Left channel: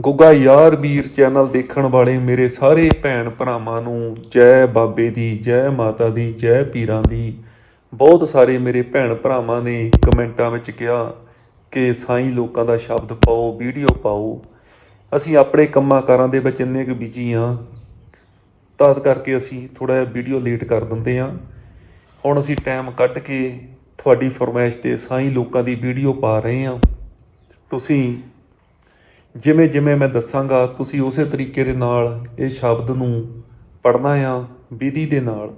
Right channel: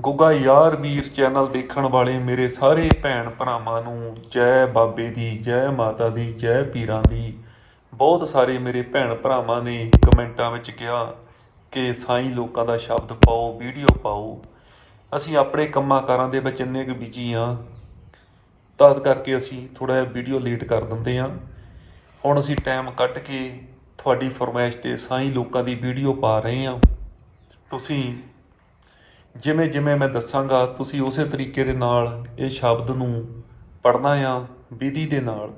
ਗੁੱਗਾ ਯਾਰ ਵੀਰ ਚੈਨਲ ਦੇਖਣ ਵਾਲੇ ਮੇਰੇ ਸਾਰੇ ਭੈਣ ਭਰਾਵਾਂ ਨੂੰ ਜੈ ਬਾਬੇ ਦੀ, ਜੈ ਮਾਤਾ ਦੀ, ਜੈ ਪੀਰਾਂ ਦੀ। ਬਹੁਤ ਸਾਰੇ ਮੇਰੇ ਭੈਣ ਭਰਾਵਾਂ ਨੇ ਕਮੈਂਟਾਂ ਵਿੱਚ ਕਿਹਾ ਕਿ ਸਾਈਂ ਲੋਕਾਂ ਦਾ ਸ਼ਬਦ ਪਾਓ, ਵੀਡੀਓ ਪਾਓ। ਅਸੀਂ ਆਪਣੇ ਕੰਮਾਂ ਕਾਰਾਂ ਦੇ ਵਿੱਚ ਇੰਨੇ ਕੁ ਬਿਜ਼ੀ ਹਾਂ। ਤਦ ਕਰਕੇ ਅਸੀਂ ਥੋੜਾ ਜਿਹਾ ਵੀਡੀਓ ਲੇਟ ਕਰ ਦਿੰਦੇ ਹਾਂ। ਹੁਣ ਅਸੀਂ ਟਾਈਮ ਕੱਢ ਕੇ ਤੁਹਾਡੀ ਫਰਮਾਇਸ਼ ਤੇ ਸਾਈਂ ਲੋਕਾਂ ਦੀ ਵੀਡੀਓ ਪਾ ਰਹੇ ਹਾਂ। ਤੁਸੀਂ ਜਿਵੇਂ ਜਿਵੇਂ ਮੈਂ ਦੱਸਾਂਗਾ, ਤੁਸੀਂ ਉਸੇ ਤਰੀਕੇ ਦੇ ਨਾਲ ਇਹ ਸ਼ਬਦ ਨੂੰ ਪੜ੍ਹਨਾ ਆ, ਵਿਧੀ ਦੇ ਨਾਲ।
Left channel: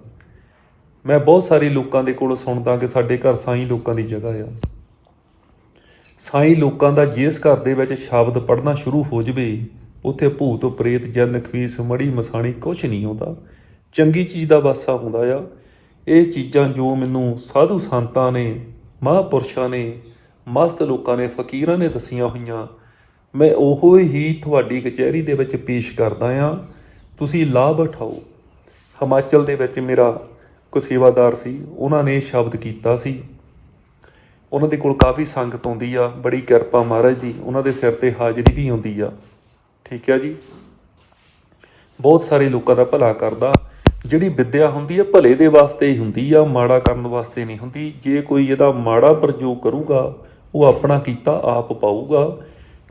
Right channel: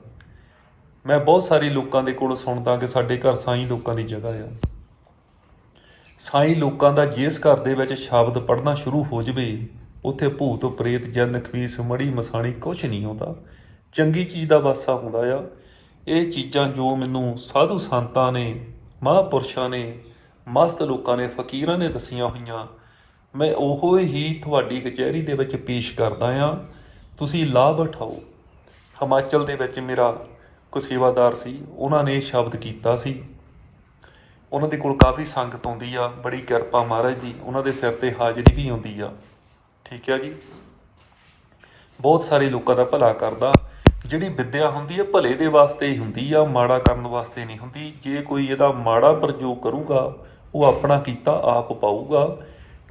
ਮੈਂ ਬਹੁਤ ਸਾਰੇ ਲੋਕਾਂ ਦੇ ਕੋਲ ਸੁਣਦਾ ਕਿ ਸਾਡੇ ਘਰ ਸਾਈਂ ਲੋਕਾਂ ਦੀ ਜਗ੍ਹਾ ਆ। ਸਾਈਂ ਲੋਕਾਂ ਦਾ ਜਿਸ ਘਰ ਦੇ ਵਿੱਚ ਸ਼ਬਦ ਪੜ੍ਹਨਾ ਸ਼ੁਰੂ ਹੋ ਜਵੇ, ਉੱਥੇ ਭੂਤ, ਪ੍ਰੇਤ, ਜਨ ਖਵੀਸ ਮੜੀ ਮਸਾਣੀ ਕੁਝ ਨਹੀਂ ਹੁੰਦਾ ਚੰਗੀ ਚੀਜ਼ ਦਾ ਵਾਸਾ ਹੁੰਦਾ ਆ। ਇਹ ਚੀਜ਼ਾਂ ਜੋ ਮੈਨੂੰ ਸਾਧੂ ਸੰਤਾਂ ਨੇ, ਮਹਾਂਪੁਰਸ਼ਾਂ ਨੇ, ਮਸਤ ਲੋਕਾਂ ਨੇ, ਫਕੀਰਾਂ ਨੇ ਦੱਸੀਆਂ ਹੋਈਆਂ ਮੈਂ ਉਹ ਹੀ ਤੁਹਾਡੀ ਕਚਹਿਰੀ ਦੇ ਵਿੱਚ ਪੇਸ਼ ਕਰਦਾ ਆ ਤੁਸੀਂ ਲਾਭ ਉਠਾਓ ਹਿਮਾਚਲ ਦੇ ਵਿੱਚ ਮੇਰਾ ਕੋਈ ਸੇਵਾਦਾਰ ਸੀ, ਉਹਨਾਂ ਨੇ ਸ਼ਬਦ ਕੀਤਾ ਸੀ। ਉਹਨਾਂ ਦੇ ਕੋਲ ਕਾਫੀ ਸੰਗਤ ਆਉਂਦੀ ਆ, ਬੜੀ ਕਿਰਪਾ ਮਹਾਰਾਜ ਦੀ ਉਹਨਾਂ ਦੇ ਸਿਰ ਤੇ ਹਾਜ਼ਰੀ ਵੀ ਆਉਂਦੀ ਆ। ਠੀਕ ਹੈ ਜੀ? ਬਹੁਤ ਸਾਰੇ ਲੋਕਾਂ ਦਾ ਭਲਾ ਕਰਦਾ। ਜਿਹੜੀ ਵਿੱਦਿਆ ਹੁੰਦੀ ਹੈ ਭਲੇ ਦੇ ਵਾਸਤੇ ਹੀ ਹੁੰਦੀ ਆ, ਮਾੜਾ ਕਰਨ ਵਾਸਤੇ ਨਹੀਂ ਹੁੰਦੀ। ਜੇ ਕੋਈ ਇਹਦਾ ਮਾੜਾ ਪ੍ਰਯੋਗ ਕਰੂਗਾ, ਉਹ ਆਪਣਾ ਕੀਤਾ ਆਪ ਪਾਊਗਾ।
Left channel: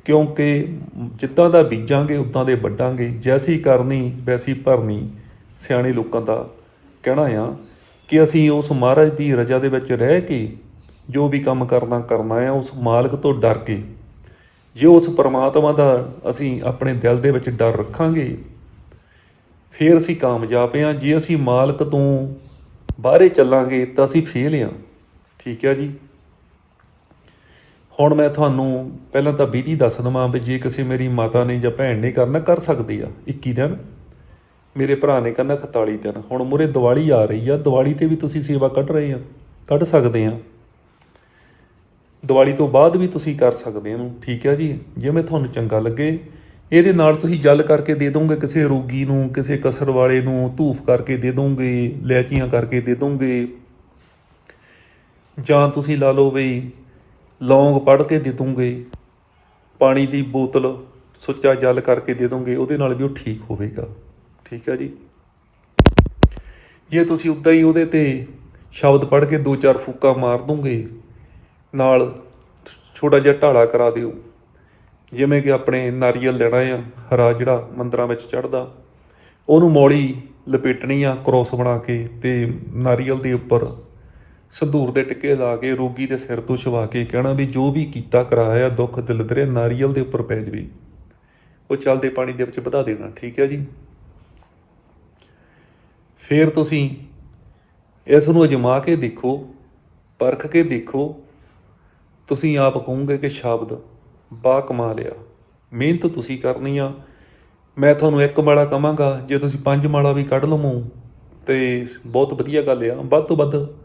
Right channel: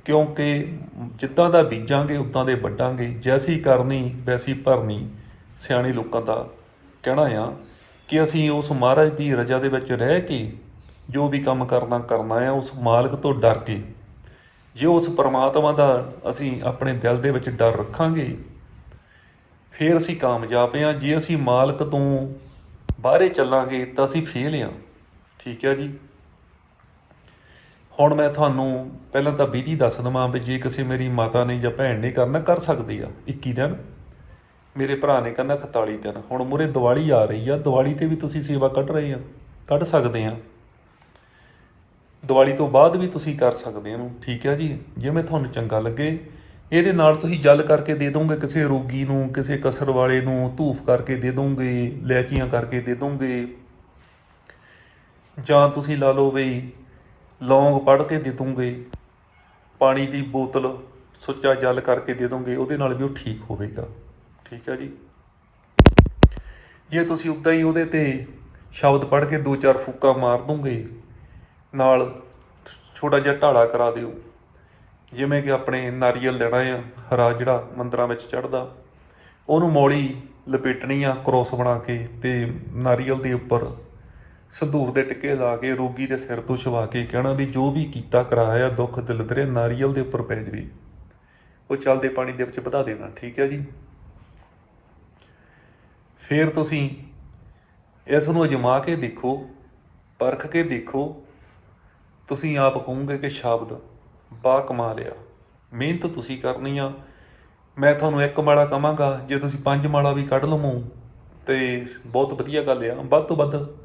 ਕਿਉਂਕਿ ਜਿੱਦਾਂ ਦਾ ਬੀਜਾਂਗੇ, ਉਦਾਂ ਦੇ ਵੱਢਾਂਗੇ। ਜੈਸੀ ਕਰਨੀ, ਵੈਸੀ ਭਰਨੀ ਸਿਆਣੇ ਲੋਕਾਂ ਦਾ ਕਹਿਣਾ ਆ ਕਿ ਅਸੀਂ ਉਸ ਮਹਾਰਾਜ ਦੀ ਰਜ਼ਾ ਦੇ ਵਿੱਚ ਰਹਿ ਕੇ ਜੋ ਵੀ ਕੰਮ ਕਰਨਾ ਕਰਨਾ ਆ, ਉਸ ਮਾਲਕ ਤੋਂ ਡਰ ਕੇ। ਜੇ ਉਸ ਪਰਮਾਤਮਾ ਦਾ ਅਸੀਂ ਆਪਣੇ ਦਿਲ ਦੇ ਵਿੱਚ ਡਰ ਰੱਖਾਂਗੇ, ਫਿਰ ਅਸੀਂ ਕਾਮਯਾਬ ਹਾਂ ਜੇ ਅਸੀਂ ਮਾਲਕ ਤੋਂ ਬਾਹਰੇ ਚੱਲਾਂਗੇ, ਤਾਂ ਅਸੀਂ ਫੇਲ ਹਾਂ ਠੀਕ ਹੈ ਜੀ? ਹੁਣ ਮੈਂ ਤੁਹਾਨੂੰ ਪਹਿਲਾਂ ਤਾਂ ਵਿਧੀ ਦੱਸ ਦਵਾਂ ਵੀ ਜੇ ਕਿਸੇ ਮੇਰੀ ਮਾਤਾ ਨੇ ਜਾਂ ਭੈਣ ਨੇ ਕਰਨਾ, ਕਰ ਸਕਦੀ ਆ। 21 ਦਿਨ। ਮੇਰੇ ਭਰਾ ਨੇ ਕਰਨਾ 41 ਦਿਨ। ਹੁਣ ਮੁਰੇ ਦੀਵਾਲੀ ਆ ਰਹੀ ਆ। ਦੀਵਾਲੀ ਤੇ ਵੀ ਤੁਸੀਂ ਸੇਵਾ ਕੱਢ ਰਹੇ ਆ। ਕੱਢ ਸਕਦੇ ਆ। ਦੀਵਾਲੀ ਤੋਂ ਬਾਅਦ ਵੀ ਤੁਸੀਂ ਕਰ ਸਕਦੇ ਹੋ ਠੀਕ ਹੈ ਜੀ? ਜਿਵੇਂ ਤੁਹਾਨੂੰ ਚੰਗਾ ਲੱਗੇ, ਇਹਦੇ ਨਾਲ ਤੁਸੀਂ ਜਲ ਕਰਕੇ ਦੇ ਦੋਗੇ। ਕਿਸੇ ਰੋਗੀ ਨੂੰ, ਕਿਸੇ ਕਸਰ ਵਾਲੇ ਨੂੰ ਧੂਫ ਕਰਕੇ ਦੇ ਦੋਗੇ, ਲੈਚੀਆਂ ਕਰਕੇ ਦੇ ਦੋਗੇ। ਜਾਂ ਤੁਸੀਂ ਲਾ ਲਓ ਵੀ ਲੌਂਗ ਪੜ ਕੇ ਦੇ ਦੋਗੇ, ਪਾਣੀ ਦੀ ਬੋਤਲ ਸੁੱਚਾ ਜਲ ਕਰਕੇ ਦੇ ਦੋਗੇ, ਉਹਦੇ ਨਾਲ ਵੀ ਉਹ ਠੀਕ ਹੋਵੇਗਾ। ਠੀਕ ਹੈ ਜੀ? ਜੇ ਤੁਸੀਂ ਉਦਾਂ ਹੀ ਉਹਦੇ ਤੇ ਸ਼ਬਦ ਪੜ ਕੇ ਦੋ ਚਾਰ ਫੂਕਾਂ ਮਾਰ ਦੋਗੇ, ਨਾਲ ਛੋਟਾ ਜਿਹਾ ਢਾਲਾ ਕਰਾ ਦਿਓ। ਜਿਵੇਂ ਕਿ ਆਪਣੇ ਨਾਰੀਅਲ ਲੈਣਾ ਆ, ਹਰਾ ਜਿਹੜਾ ਮੰਦਰਾਂ ਵਿੱਚ ਚੜਦਾ ਉਹਨੂੰ ਮੌਲੀ ਲਪੇਟਣੀ ਆ, ਕ੍ਰੋਸ ਬਣਾ ਕੇ ਤੇ ਨਾਰੀਅਲ ਦੇ ਉੱਪਰ ਸੰਧੂਰ ਦੇ ਟਿੱਕੇ ਲਾ ਕੇ, ਰੋਗੀ ਦੇ ਸਿਰ ਤੋਂ ਛਵਾ ਕੇ ਕਹਿਣਾ ਵੀ ਜੋ ਵੀ ਕੀਤਾ ਕਰਾਇਆ, ਦੁੱਖ ਦਿਲਦਰੇ ਨਾਰੀਅਲ ਦੇ ਉੱਪਰ ਪੈ ਜਵੇ। ਉਹ ਚੱਲਦੇ ਪਾਣੀ ਦੇ ਵਿੱਚ ਵਧਾ ਦੇਣਾ, ਠੀਕ ਹੈ ਜੀ? ਫਿਰ ਤੁਸੀਂ ਇਸ ਨੂੰ ਅਜਮਾ ਕੇ ਦੇਖੋ, ਪਰਖ ਕੇ ਦੇਖੋ। ਤੁਸੀਂ ਆਪ ਕਹੋਗੇ ਕਿ ਸ਼ਬਦ ਬਾ ਕਮਾਲ ਆ। ਮਿਹਨਤ ਤੁਸੀਂ ਕਰਨੀ ਆ। ਮੈਂ ਤੁਹਾਨੂੰ ਇੱਕ ਮਾਲਾ ਕਵਾਂਗਾ ਜੇ ਤੁਸੀਂ ਪੰਜ ਮਾਲਾ ਵੀ ਕੱਢ ਲਵੋ, ਤੇ ਬਹੁਤ ਵਧੀਆ ਗੱਲ ਆ। ਵੱਧ ਤੋਂ ਵੱਧ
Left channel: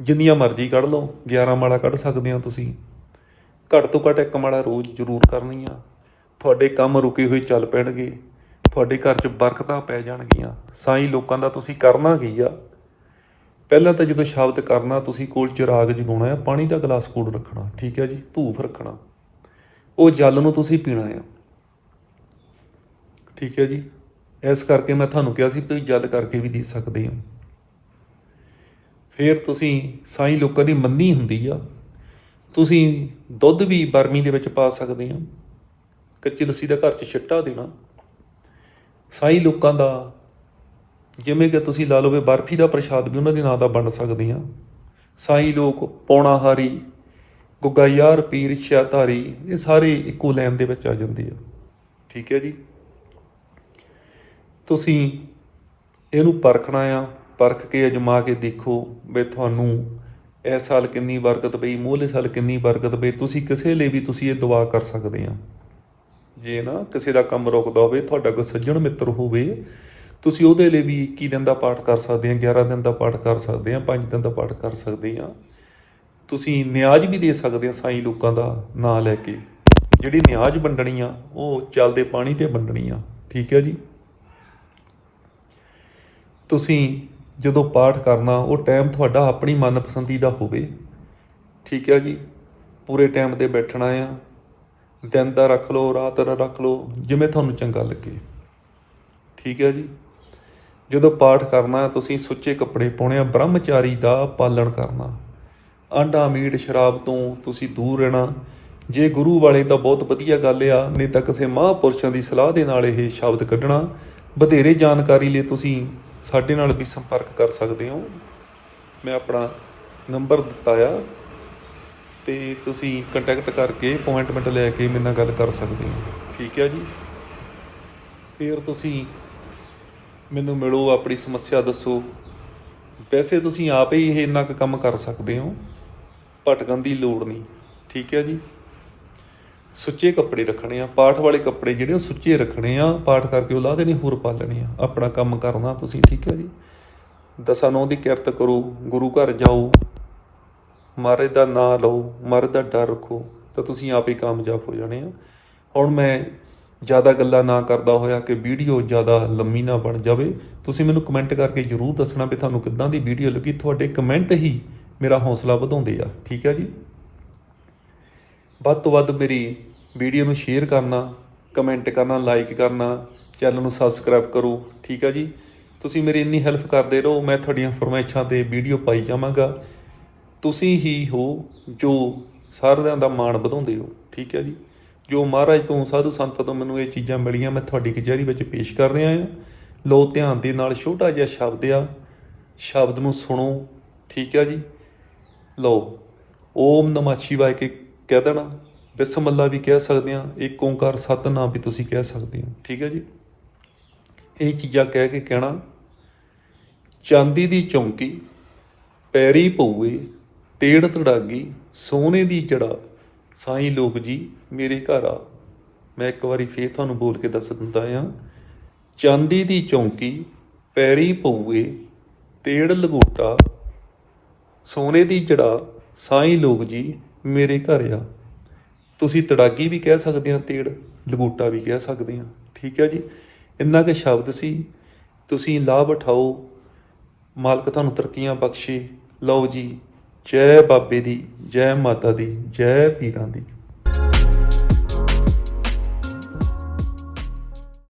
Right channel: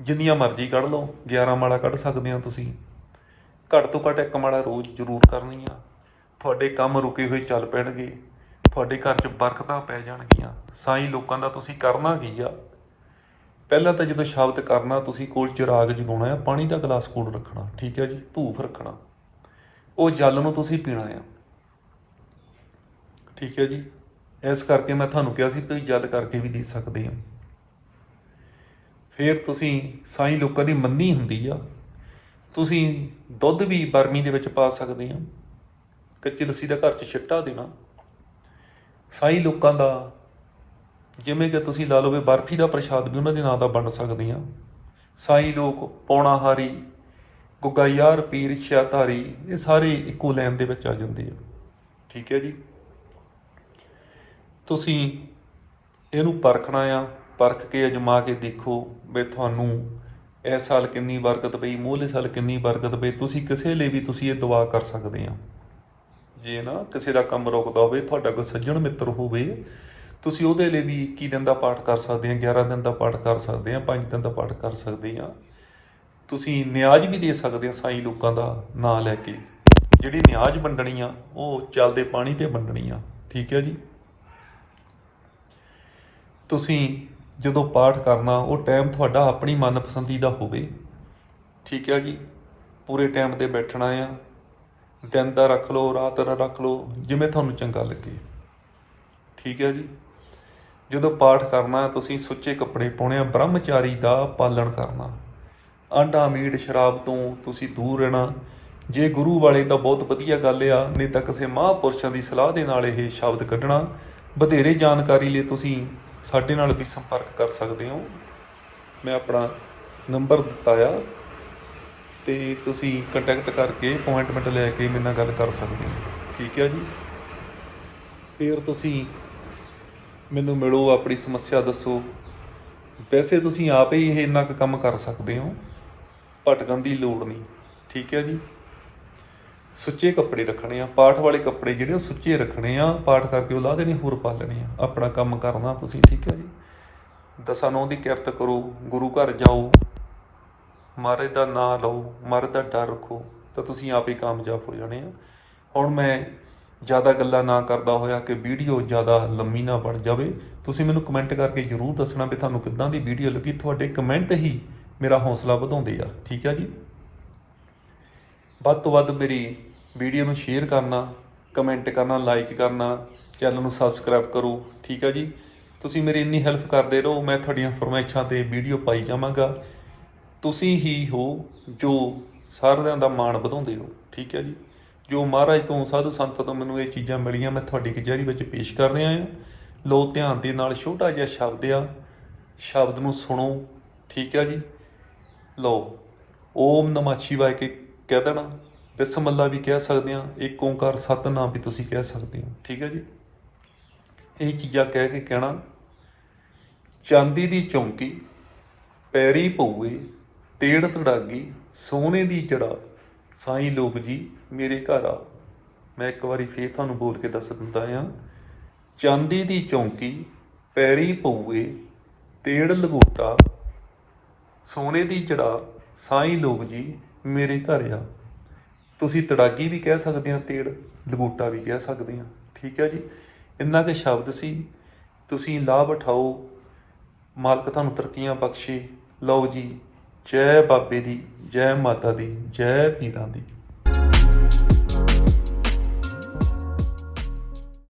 ਜਿੰਨੀਆਂ ਮਰਜ਼ੀ ਕੱਢ ਲਓ 11 ਮਾਲਾ ਕੱਢ ਸਕਦੇ ਆ ਤੁਸੀਂ। ਘੱਟ ਤੋਂ ਘੱਟ ਇੱਕ ਮਾਲਾ ਰੋਜ਼ ਜ਼ਰੂਰ ਕਰਨੀ ਆ। ਤੁਹਾਡੇ ਕੰਮ ਰੁਕੇ ਹੋਏ ਚੱਲ ਪੈਣਗੇ, ਤੁਹਾਡੇ ਘਰ 'ਚ ਬਰਕਤਾਂ ਪੈ ਜਾਣਗੀਆਂ। ਸਾਈਂ ਲੋਕਾਂ ਦਾ ਤੁਸੀਂ ਕਰਨਾ ਕੀ ਆ? ਪਹਿਲਾਂ ਤਾਂ ਜਦੋਂ ਸ਼ਬਦ ਕਰਨਾ, ਤੁਸੀਂ ਕੋਲ ਚਿਰਾਗ ਜਗਾਉਣਾ ਹੈ ਪਾਣੀ ਦਾ ਗਲਾਸ ਕੋਲ ਰੱਖਣਾ, ਠੀਕ ਹੈ ਜੀ? ਧੂਫ ਰੱਖਣਾ। ਉਹ ਜਲ ਨੂੰ ਤੁਸੀਂ ਪੀਣਾ ਹੈ ਠੀਕ ਹੈ ਜੀ? ਇਸ ਕਰਕੇ ਮੈਂ ਤੁਹਾਨੂੰ ਕਿਹਾ ਸੀ, ਤੁਸੀਂ ਜਲ ਕਰਕੇ ਵੀ ਦੇ ਸਕਦੇ ਹੋ। ਫਿਰ ਤੁਸੀਂ ਸਾਈ ਲੋਕਾਂ ਦੀ ਮੰਨੀ ਹੁੰਦੀ ਆ। ਤੁਸੀਂ ਦੁੱਧ ਵੀ ਬਰਮੀ ਦੇ ਵਿੱਚ ਪਾ ਸਕਦੇ ਹੋ ਕੱਚੀ ਲੱਸੀ ਦਾ ਘਰ 'ਚ ਛਿੱਟਾ ਦੇਣਾ। ਸਾਈ ਲੋਕਾਂ ਦਾ, ਜਿਵੇਂ ਕਿ ਤੁਸੀਂ ਲਾ ਲਓ ਬਰਫੀ ਦਾ ਪ੍ਰਸ਼ਾਦ ਵੀ ਉਹਨਾਂ ਦੇ ਨਾਂ ਦਾ ਬਣ ਸਕਦੇ ਆ। ਸਾਈ ਲੋਕ ਪੌਣਾਹਾਰੀ ਗੁੱਗਾ ਯਾਰ ਪੀਰ, ਸ਼ਿਆਧਾਰੀ, ਇਹ ਸਾਰੇ ਇੱਕੋ ਲਾਈਨ ਦੇ ਵਿੱਚ ਆ ਜਾਂਦੇ ਆ। ਠੀਕ ਹੈ ਜੀ। ਤੁਸੀਂ ਇਹਨੂੰ ਪਰਖਣਾ ਆ। ਪਰਖ ਕੇ ਅਜਮਾ ਕੇ ਦੇਖੋ ਵੀ ਤੁਹਾਨੂੰ ਇਸ ਸਾਲ ਕਿੰਨੀ ਬਰਕਤ ਪਈ ਮੂਹਲੇ ਸਾਲ ਕਿੰਨੀ ਬਰਕਤ ਪਈ, ਤੁਸੀਂ ਕਿਸੇ ਲਈ ਵੀ ਤੁਸੀਂ ਇਹ ਦੁਆ ਕਰ ਸਕਦੇ ਆ ਜੇ ਨਾ ਕਿਸੇ ਦਾ ਕੰਮ ਰੁਕਦਾ ਹੋਵੇ, ਤੁਹਾਡਾ ਕੋਈ ਸੱਜਣ ਮਿੱਤਰ ਹੋਵੇ, ਤੁਸੀਂ ਉਹਦੇ ਲਈ ਵੀ 21 ਦਿਨ ਦਾ ਪਾਠ ਕਰ ਸਕਦੇ ਆ 11 ਦਿਨ ਦਾ ਪਾਠ ਕਰ ਸਕਦੇ ਆ 5 ਦਿਨ ਦਾ ਪਾਠ ਕਰ ਸਕਦੇ ਆ ਤੁਸੀਂ ਨਿਆਜ਼ ਵੀ ਦੇ ਸਕਦੇ ਆ ਸਾਈ ਲੋਕਾਂ ਦਾ ਨਾਂ ਲੈ ਕੇ। ਜਿਹੜੀ ਨਿਆਜ਼ ਵੰਡਣੀ ਆ, ਉਹ ਚੱਲਦੇ ਪਾਣੀ ਤੇ ਵੰਡਣੀ ਆ। ਠੀਕ ਹੈ ਜੀ? ਤੁਸੀਂ ਜਦੋਂ ਪਾਠ ਕਰਨਾ, ਉਹ ਟਾਈਮ ਤੁਹਾਡਾ ਆਪਣੀ ਮਨਪਸੰਦੀ ਦਾ ਹੋਵੇ। ਠੀਕ ਹੈ ਜੀ? ਪੂਰੇ ਟਾਈਮ ਤੇ ਬੈਠਣਾ ਆ। ਦਿਨ ਦਾ ਰੱਖ ਲਓ, ਰਾਤ ਦਾ ਰੱਖ ਲਓ, ਜਿਵੇਂ ਤੁਹਾਨੂੰ ਚੰਗਾ ਲੱਗੇ। ਠੀਕ ਹੈ ਜੀ? ਜਦੋਂ ਪਾਠ ਕਰਨਾ, ਤੁਸੀਂ ਸੁੱਚੇ ਕੱਪੜੇ ਪਾਉਣੇ ਆ, ਬ੍ਰਹਮਚਾਰੀ ਦਾ ਪਾਲਣ ਕਰਨਾ। ਆਂਡਾ, ਮੀਟ, ਸ਼ਰਾਬ ਤੋਂ ਤੁਸੀਂ ਦੂਰ ਰਹਿਣਾ। ਜੇ ਗੁਰੂ ਵਾਲੇ ਤਾਂ ਬਹੁਤ ਵਧੀਆ ਗੱਲ ਆ, ਨਹੀਂ ਤਾਂ ਕਿਸੇ ਮਹਾਂਪੁਰਸ਼ਾਂ ਦੀ ਸਲਾਹ ਦੇ ਨਾਲ ਇਹ ਸ਼ਬਦ ਕੱਢਣਾ। ਵਧੇਰੇ ਜਾਣਕਾਰੀ ਲਈ ਤੁਸੀਂ ਸਾਡੇ ਨਾਲ ਵੀ ਸੰਪਰਕ ਕਰ ਸਕਦੇ ਹੋ। ਮੈਂ ਆਪਣਾ ਨੰਬਰ ਦਿੱਤਾ ਆ ਤੇ ਤੁਸੀਂ ਕੰਟੈਕਟ ਕਰਕੇ ਅਪਾਇੰਟਮੈਂਟ ਲੈ ਕੇ ਮੇਰੇ ਨਾਲ ਗੱਲ ਕਰ ਸਕਦੇ ਹੋ। ਠੀਕ ਹੈ ਜੀ? ਫਿਰ ਤੁਸੀਂ ਮੈਨੂੰ ਮਿਲੋ, ਆਪਣੀ ਸਮੱਸਿਆ ਦੱਸੋ। ਵੈਸੇ ਤੁਸੀਂ ਆਪ ਹੀ ਇਹ ਇੰਨਾ ਕੁ ਕੰਮ ਕਰ ਸਕਦੇ ਹੋ, ਭਟਕਣ ਦੀ ਲੋੜ ਨਹੀਂ। ਠੀਕ ਹੈ ਜੀ? ਸੁੱਚੇ ਕੱਪੜੇ ਰੱਖਣੇ ਆ, ਪਾਠ ਵਾਲੇ ਕੱਪੜੇ ਜਿਹੜੇ ਉਹ ਸੁੱਚੇ ਰੱਖਣੇ ਆ, ਪਾਠ ਕਰਕੇ ਉਹ ਲਾ ਦੇਣੇ, ਹੋਰ ਪਾ ਲੈਣੇ ਆ। ਆਪਣਾ ਕੰਮ ਕਰਨਾ ਤੁਸੀਂ, ਠੀਕ ਹੈ ਜੀ? ਦਸਾਂ ਨੌ ਦੀ ਕਿਰਤ ਕਰੋ, ਗੁਰੂ ਘਰ ਜਾਓ, ਮਹਾਰਾਜ ਦਾ ਨਾਮ ਲਓ, ਮਹਾਰਾਜ ਦਾ ਡਰ ਰੱਖੋ, ਤਾਂ ਤੁਸੀਂ ਆਪ ਹੀ ਕਾਮਯਾਬ ਹੋ ਜਾਣੇ ਆ। ਹੁਣ ਮੈਂ ਜ਼ਿਆਦਾ ਗੱਲਾਂ ਨਾ ਕਰਦਾ ਹੋਇਆ ਕਿ ਵੀਡੀਓ ਜ਼ਿਆਦਾ ਲੰਮੀ ਨਾ ਬਣ ਜਾਵੇ। ਤੁਸੀਂ ਮੈਨੂੰ ਕਮੈਂਟ ਕਰਕੇ ਜਰੂਰ ਦੱਸਣਾ ਵੀ ਤੁਹਾਨੂੰ ਕਿੱਦਾਂ ਦੀ ਵੀਡੀਓ ਲੱਗੀ। ਤੁਹਾਡੇ ਕਮੈਂਟ ਹੀ ਮੇਰਾ ਹੌਸਲਾ ਵਧਾਉਂਦੇ ਆ, ਠੀਕ ਆ ਜੀ? ਵੱਧ ਤੋਂ ਵੱਧ ਮੇਰੀ ਵੀਡੀਓ ਨੂੰ ਸ਼ੇਅਰ ਕਰਨਾ ਕਮੈਂਟ ਕਰਨਾ ਲਾਈਕ ਕਰਨਾ ਚੈਨਲ ਨੂੰ ਸਬਸਕ੍ਰਾਈਬ ਕਰੋ, ਠੀਕ ਆ ਜੀ? ਤੁਸੀਂ ਮੇਰੀ ਇੰਨੀ ਹੈਲਪ ਕਰਦੇ ਰਹੋ, ਮੈਂ ਤੁਹਾਡੀਆਂ ਫਰਮਾਇਸ਼ਾਂ ਤੇ ਵੀਡੀਓ ਪਾਈ ਜਾਵਾਂਗਾ। ਤੁਸੀਂ ਹੀ ਹੋ ਜੋ ਸਾਰਿਆਂ ਦਾ ਮਾਣ ਵਧਾਉਂਦੇ ਹੋ, ਠੀਕ ਹੈ ਜੀ? ਜੋ ਮਹਾਰਾਜ ਤੋਂ ਸਾਧੂ ਸੰਤਾਂ ਤੋਂ ਮੈਨੂੰ ਇਹ ਚੀਜ਼ਾਂ ਮਿਲੀਆਂ, ਮੈਂ ਤੁਹਾਡੀ ਕਚਹਿਰੀ ਵਿੱਚ ਪੇਸ਼ ਕਰ ਰਿਹਾ ਹਾਂ। ਲੋ ਧਿਆਨ ਦੇ ਨਾਲ ਛੋਟਾ ਜਿਹਾ ਸ਼ਬਦ ਆ, ਸ਼ਬਦ ਨੂੰ ਸੁਣੋ, ਠੀਕ ਹੈ ਜੀ? ਲਓ, ਓਮ ਨਮः ਸ਼ਿਵਾय ਕੇ ਕਹਿ ਦੇਣਾ? ਬਿਸਮਿਲ੍ਲਾ ਵੀ ਕਹਿ ਸਕਦੇ ਆ ਇੱਕ ਓੰਕਾਰ ਸਤਨਾਮ ਵੀ ਤੁਸੀਂ ਕਹਿ ਸਕਦੇ ਹੋ, ਠੀਕ ਹੈ ਜੀ? ਇਹ ਚੀਜ਼ਾਂ ਕਹਿ ਕੇ ਕਹਿਣਾ, ਚਾਂਦੀ ਦੀ ਚੌਂਕੀ, ਪੈਰੀ ਪਊਏ ਤੇੜ ਤੜਾਗੀ ਸੋਨੇ ਦੀ ਜੜਾ ਸਾਈਂ ਲੋਕ ਜੀ, ਮੇਰੇ ਘਰ ਆ ਮੈਂ ਇੱਕ ਵਾਰੀ ਫੇਰ ਤੁਹਾਨੂੰ ਬੋਲ ਕੇ ਦੱਸ ਦਿੰਦਾ ਆ ਚਾਂਦੀ ਦੀ ਚੌਂਕੀ, ਪੈਰੀ ਪਊਏ ਤੇੜ ਲਗੋਟਾ, ਸੋਨੇ ਦੀ ਜੜਾ ਸਾਈਂ ਲੋਕ ਜੀ, ਮੇਰੇ ਘਰ ਆ ਤੁਸੀਂ ਤੜਾਗੀ ਵੀ ਕਹਿ ਸਕਦੇ ਆ ਤੇੜ, ਲਗੋਟਾ ਵੀ ਕਹਿ ਸਕਦੇ ਹਾਂ। ਠੀਕ ਹੈ ਜੀ? ਇੰਨਾ ਕੁ ਸ਼ਬਦ ਸੀ। ਤੁਸੀਂ ਲਾਭ ਉਠਾਓ, ਮਾਲਕ ਤੁਹਾਨੂੰ ਤਰੱਕੀਆਂ ਬਖਸ਼ੇ। ਲਓ ਜੀ, ਜੈ ਬਾਬੇ ਦੀ, ਜੈ ਮਾਤਾ ਦੀ, ਜੈ ਪੀਰਾਂ ਦੀ।